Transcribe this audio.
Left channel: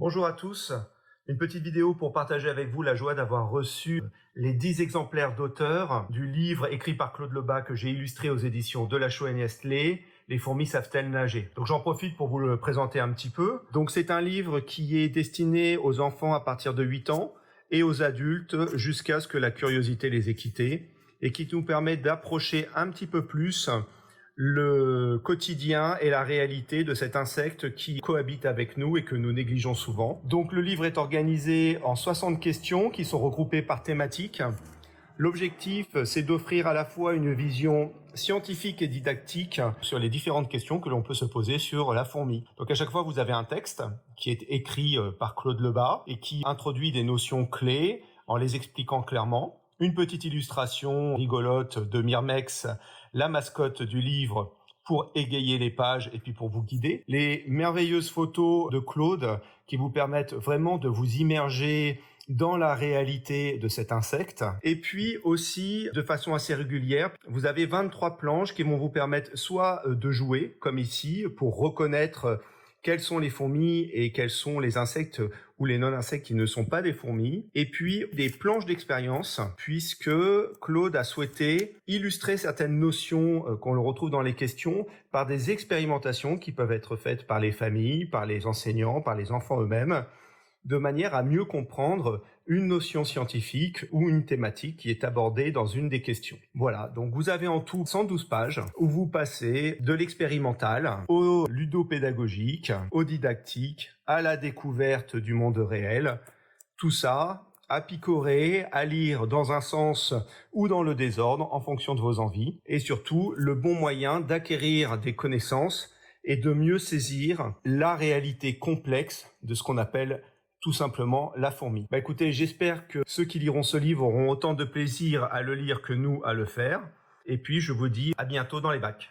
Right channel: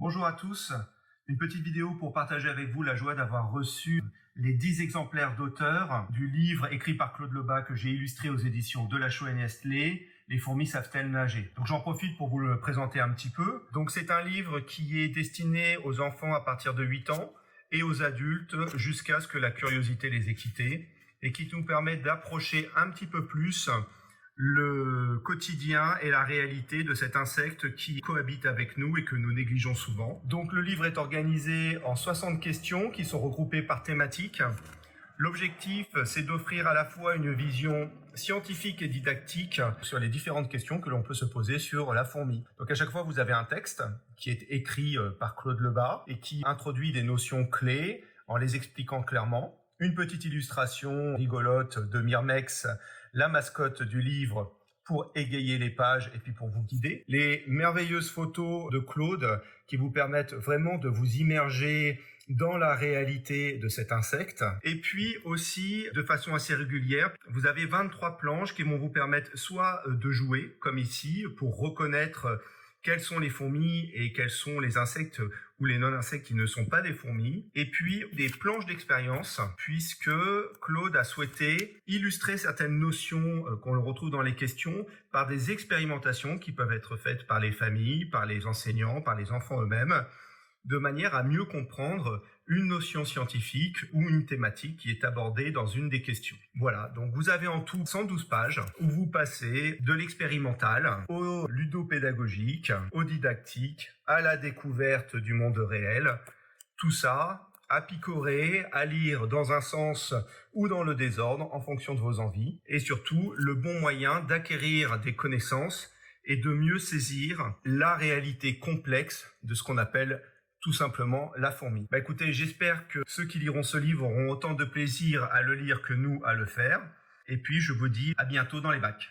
Bonjour à tous, une petite vidéo pour partager avec vous la joie d'avoir reçu les 10 exemplaires d'auteur du livre écrit par Claude Lebas que j'ai illustré aux éditions Delachaux et Nestlé, Les fourmis savent-elles nager. Donc j'en profite pour vous le présenter un petit peu. Donc c'est un livre qui est destiné aux enfants à partir de 8 ans et aux adultes jusqu'à ce que la curiosité les ait quittés et qui nous permet d'approcher un petit peu plus le quotidien et la réalité de cet insecte qui cohabite avec nous et que nous négligeons souvent. Donc le livre est organisé en 60 questions qui sont regroupées par thématique. L'objectif, c'est d'offrir à la fois une vision scientifique et didactique sur les différentes questions que l'on peut se poser sur la fourmi. Donc à chaque fois, vous avez un texte qui est écrit par Claude Lebas et qui introduit des notions clés en les expliquant clairement. Une petite illustration rigolote de Myrmex, la mascotte du livre, pour égayer les pages et puis pour vous guider. Les merveilleuses photos de Claude qui vous permettent vraiment de vous immerger dans la réalité de cet insecte. Et puis aussi, de façon assez régulière, vous avez 23 planches qui vont vous permettre soit de jouer, comme ici, pour reconnaître quelles sont les fourmis et quels sont les insectes ou les non-insectes qui ne sont pas des fourmis. Et puis des planches d'expérience, puisque Claude a souhaité illustrer certaines notions qu'on le retrouve dans les questions par des expérimentations qui peuvent être faites par les familles, par les enseignants, par les enfants eux-mêmes, de manière à mieux comprendre une notion scientifique ou une thématique qui est abordée dans une des questions. Voilà, donc vous avez en tout 112 pages où vous passez de l'expérimental au ludopédagogique, au didactique, à la découverte du monde réel. Tout ça à picorer, à lire dans un sens ou dans le désordre en fonction de vos envies. Et surtout, le bon moyen d'acquérir des connaissances et de mieux saisir la réalité complexe de ce qu'on appelle tout simplement la fourmi. Écoutez, j'espère que ceux qui liront ce livre auront autant de plaisir à le lire que nous à le faire. Et puis, je vous dis à bientôt dans les bacs.